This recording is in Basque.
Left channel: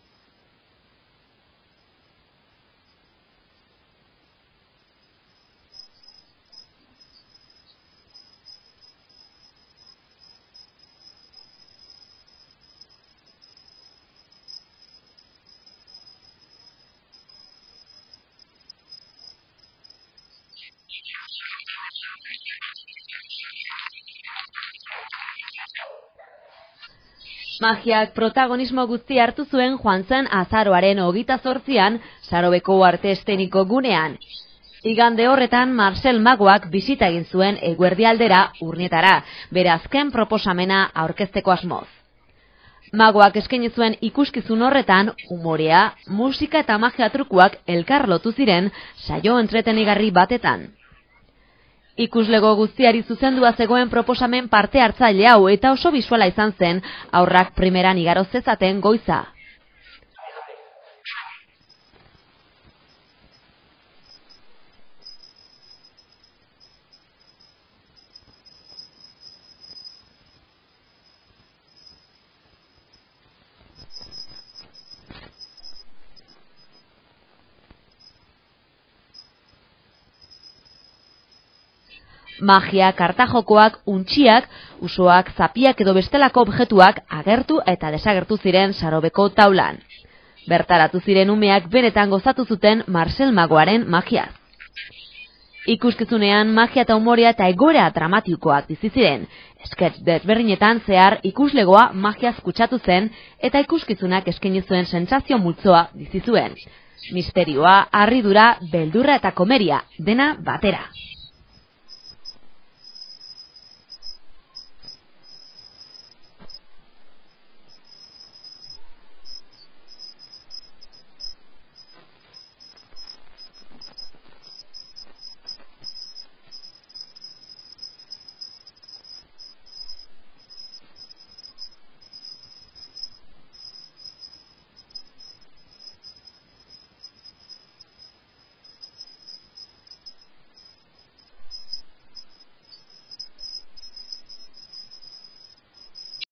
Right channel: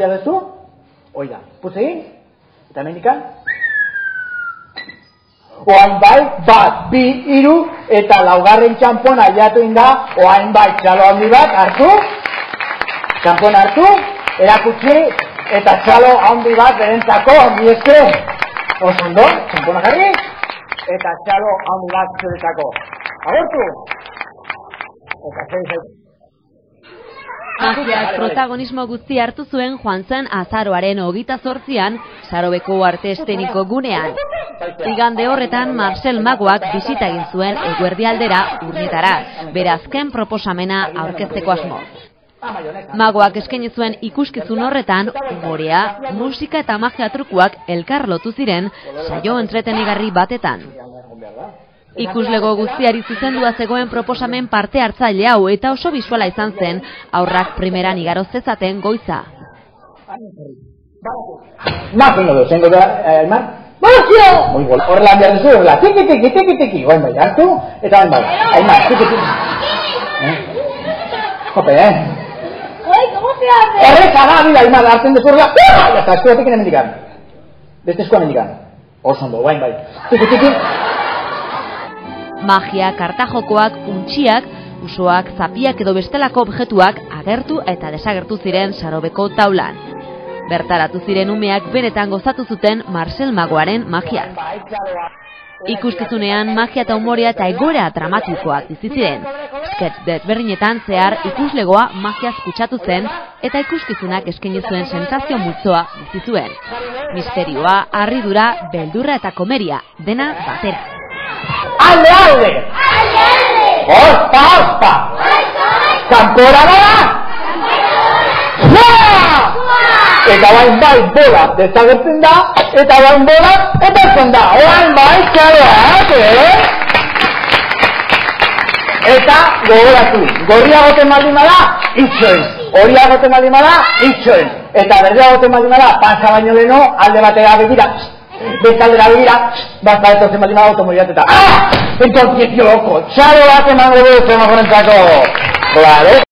Ya duzu? Oida, puz egin, eta hemendikan. Oain bai, bat, bi, hiru, eta laugarren txampon aiatu inda, oain bai, txalo handi bat, hartu, txampon hartu, erakutsi, eta txalo handi bat berentzako, handi esker, osondo, txampona jarri, eta txalo handi bat zuretzako. Agortu! Eta zer izaitu. Magiak protagonismo guzti hartu zuen joan zen azaroaren 28an Sarobeko arte eszeniko gunean. Igande horretan Marcel Magoak bisita egin zuen eguerdialdera Urnietara, bere azken proposamena aurkezteko asmoz. Magoak eskaini zuen ikuskizun horretan umorea, musika eta magia trukuak elkar lotu ziren saio entretenigarri batetan. Ikuslego guztiari zuzendua zegoen proposamen parte hartzaile hau eta oso bisuala izan zen aurrak primeran igaro zezaten goiza. Nazengo du, zengo da, Aimar? Magia! Horrela behar duzu, horrela, tiki, goen bai, hartu, eta goen bai, Aimar, tiki. Jope, Oi, ¿cómo se hace? Horreka da, bila, Aimar, hartzen duzu horrela, eta eskuatik enemendikan. Beste eskuamendikan. Osondo, goen bai, tiki. Magia, kartajokoak, untxiak, usoak, zapiak edo bestelako objektuak agertu eta desagertu ziren Sarobeko taulan. Bertaratu ziren umeak benetan gozatu zuten Marcel Magoaren magia. Ikuskizunean magia eta umorea eta egoera dramatikoak bizi ziren. Sketch desberdinetan zehar ikuslegoa magiaz kutsatu zen eta ikuskizunak eskaini zuen sentsazio multzoa bizi zuen. Misterioa, harridura, beldurra eta komeria, dena batera. Alde! Ospa! Kanpora gara! Eta bain bai bola desagertzen da, eta bain bola etortzen da. Oain bai txaloak, Eta gogoratu, gorria goten baldin bada, itxoen. Horia goten baldin bada, itxoen. Eta berdea goten baldin bada, pasa baino leno, alde batera begira. Bestaldera begira, bat etortzen baldin bada automoriateta. Entonces, yo loco, txalo bat emango dut, emagorentzako. Claro.